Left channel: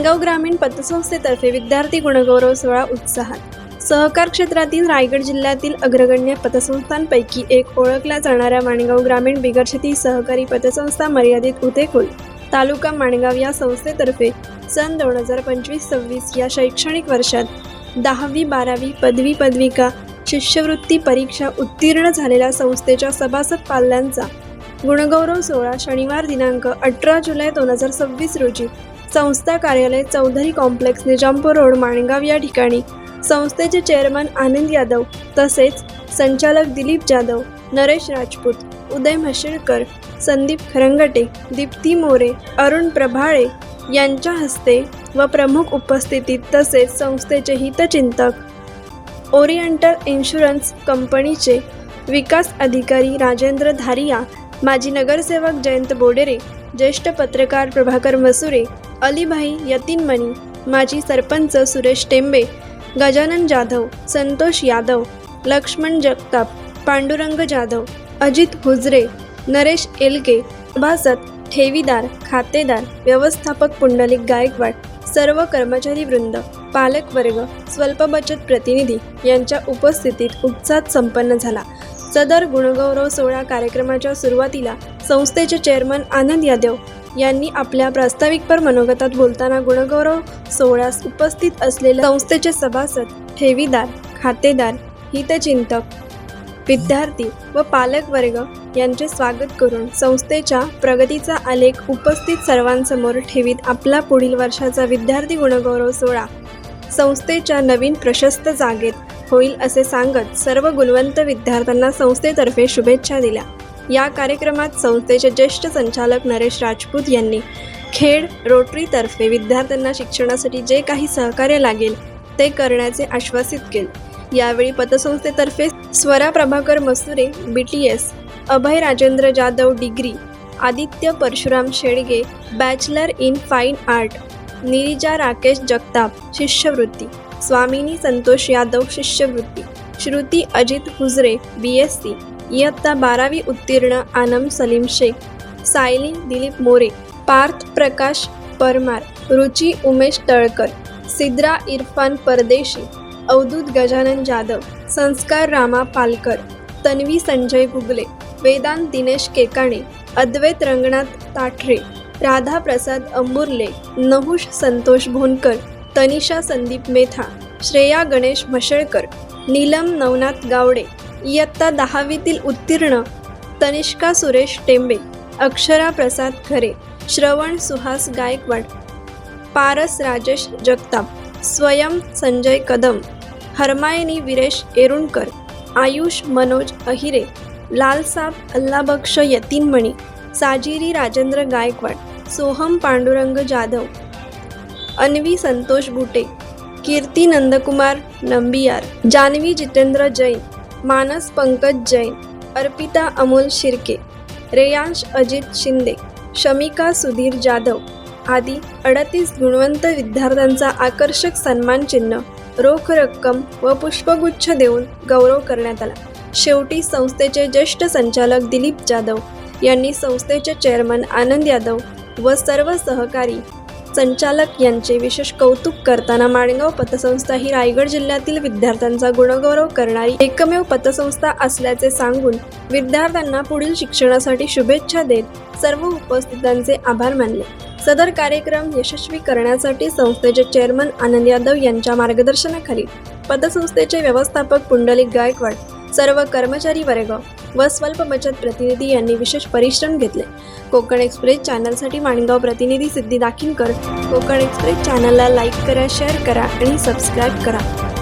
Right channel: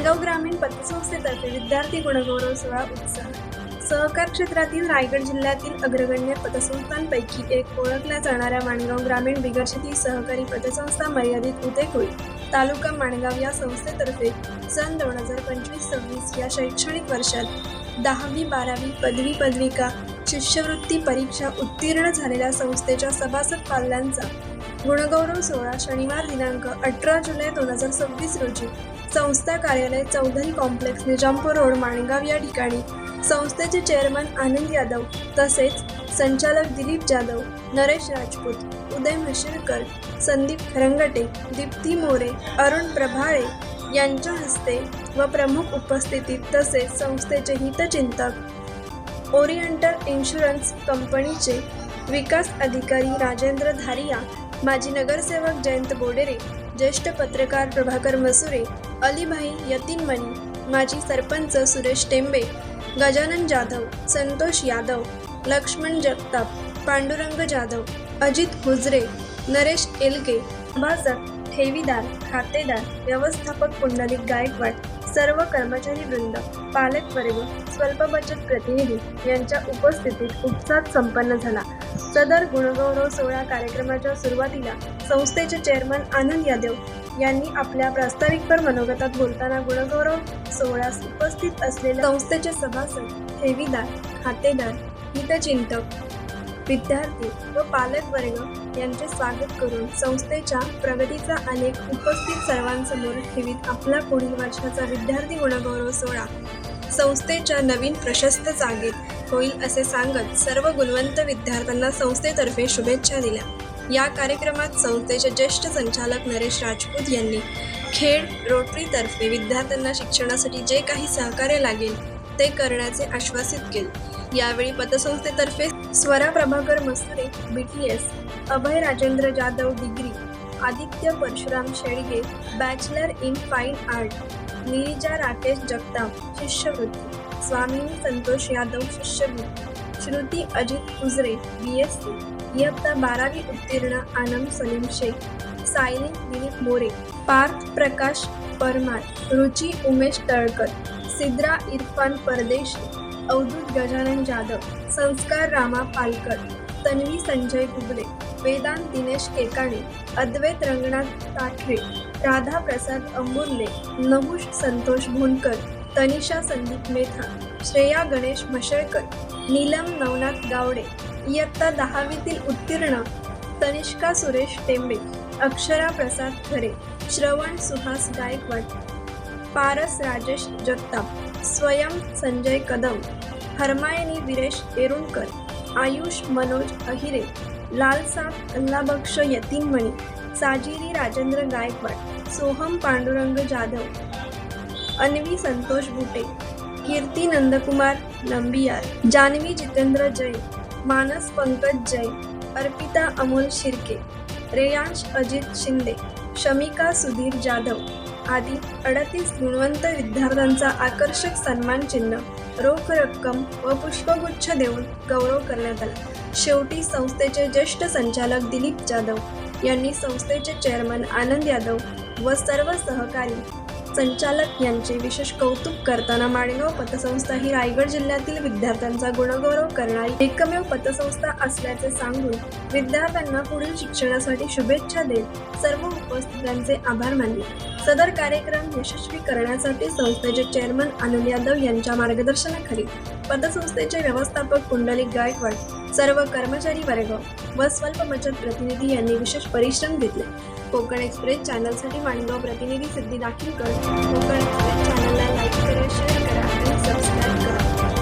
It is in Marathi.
माणगाव ग्रामीण पतसंस्थेतर्फे विद्यार्थी गुणगौरव सोहळा उत्साहात। सहकार क्षेत्रातील रायगड जिल्ह्यातील अग्रगण्य पतसंस्थांपैकी एक ओळखल्या जाणाऱ्या माणगाव ग्रामीण बिगरशेती सहकारी पतसंस्था मर्यादित उतेकोळी तालुका माणगाव या संस्थेतर्फे सन 2025-26 या शैक्षणिक वर्षात 10वी 12वी पदवी पदविका शिष्यवृत्ती परीक्षा उत्तीर्ण झालेल्या संस्थेच्या सभासद पाल्यांचा गुणगौरव सोहळा शनिवार दिनांक 18 जुलै 2026 रोजी संस्था कार्यालय चौधरी कॉम्प्लेक्स निजामपूर रोड माणगाव या ठिकाणी संस्थेचे चेअरमन आनंद यादव तसेच संचालक दिलीप जाधव, नरेश राजपूत, उदय म्हशीळकर, संदीप खरंगटे, दीप्ती मोरे, अरुण प्रभाळे यांच्या हस्ते व प्रमुख उपस्थितीत तसेच संस्थेचे हितचिंतक ओरिएंटल इन्शुरन्स कंपनीचे विकास अधिकारी राजेंद्र धारिया, माजी नगरसेवक जयंत बोडेरे, ज्येष्ठ पत्रकार प्रभाकर मसुरे, अलीभाई यतीनमणी, माजी सरपंच सुरेश टेंबे, गजानन जाधव, संतोष यादव, लक्ष्मण जगताप, पांडुरंग जाधव, अजित हुजरे, नरेश एलके, सभासद, ठेवीदार, खातेदार, व्यवस्थापक पुंडलिक गायकवाड, सर्व कर्मचारी वृंद, पालक वर्ग, स्वल्प बचत प्रतिनिधी यांच्या उपस्थितीत उत्साहात संपन्न झाला। सदर गुणगौरव सोहळा कार्यक्रमाच्या सुरुवातीला संस्थेचे चेअरमन आनंद यादव यांनी आपल्या प्रास्ताविकपर मनोगतात बोलताना गुणगौरव सोहळ्यास उपस्थित असलेले संस्थेचे सभासद, ठेवीदार, खातेदार, हितचिंतक, विद्यार्थी व पालक वर्ग यांचे स्वागत करून संस्थेच्या प्रगतीचा आलेख उपस्थित सर्वांसमोर ठेवीत आपला पुढील वर्षाचा विद्यार्थी गुणगौरव सोहळा संस्थेच्या नवीन प्रशस्त जागेत होईल असे सांगत सर्व गुणवंत विद्यार्थ्यांना संस्थेतर्फे शुभेच्छा दिल्या। या कार्यक्रमात संस्थेचे ज्येष्ठ संचालक नरेश राजपूत यांनी खेड रोटरीतर्फे विद्यार्थ्यांना शिक्षणासाठी जे काही सहकार्य लागेल ते करण्याचे आश्वासित केले। यावेळी पतसंस्थेतर्फे Swara Prabhakar Masure BTS, Abhay Rajendra Jadhav degree, Aditya Parshuram Shedge bachelor in fine art, Nirija Rakesh Jagtap शिष्यवृत्ती, स्वामिनी संतोष यादव शिष्यवृत्ती, श्रुती अजित हुजरे BSc, इयत्ता 12वी उत्तीर्ण आनम सलीम शेख, सायली दिलीप मोरे, पार्थ प्रकाश परमार, रुची उमेश तळकर, सिद्रा इरफान परदेशी, अवधूत गजानन जाधव, संस्कार रामा पालकर, तन्वी संजय गुगले, वेदांत दिनेश केकाणे, अद्वैत रंगनाथ ताठरे, राधा प्रसाद अंबुर्ले, नहुष संतोष भोनकर, तनिषा संदीप मेथा, श्रेया गणेश म्हशेळकर, नीलम नवनाथ गावडे, इयत्ता 10वीतील उत्तीर्ण तनिष्का सुरेश टेंबे, अक्षरा प्रसाद खरे, श्रवण सुहास गायकवाड, पारस राजेश जगताप, स्वयं संजय कदम, हरमायनी विरेश एरुणकर, आयुष मनोज अहिरे, लालसाब अल्लाबक्ष यतीनमणी, साजिरी राजेंद्र गायकवाड, सोहम पांडुरंग जाधव, अन्वी संतोष बुटे, कीर्ती नंदकुमार नंबियार, जानवी जितेंद्र जैन, मानस पंकज जैन, अर्पिता अमोल शिर्के, रेयांश अजित शिंदे, शमिका सुधीर जाधव आदी 38 गुणवंत विद्यार्थ्यांचा आकर्षक सन्मान चिन्ह, रोख रक्कम व पुष्पगुच्छ देऊन गौरव करण्यात आला। शेवटी संस्थेचे ज्येष्ठ संचालक दिलीप जाधव यांनी संस्थेचे चेअरमन आनंद यादव व सर्व सहकारी संचालक यांचे विशेष कौतुक करताना माणगाव पतसंस्था ही रायगड जिल्ह्यातील विद्यार्थ्यांचा गुणगौरव करणारी एकमेव पतसंस्था असल्याचे सांगून विद्यार्थ्यांना पुढील शिक्षणासाठी शुभेच्छा देत सर्व उपस्थितांचे आभार मानले। सदर कार्यक्रम यशस्वी करण्यासाठी संस्थेचे चेअरमन आनंद यादव यांच्या मार्गदर्शनाखाली पतसंस्थेचे व्यवस्थापक पुंडलिक गायकवाड, सर्व कर्मचारी वर्ग व स्वल्प बचत प्रतिनिधी यांनी विशेष परिश्रम घेतले। कोकण एक्सप्रेस चॅनलसाठी माणगाव प्रतिनिधी सिद्धी दाखिलकर। कोकण एक्सप्रेस चॅनलला लाईक करा, शेअर करा आणि सबस्क्राईब करा।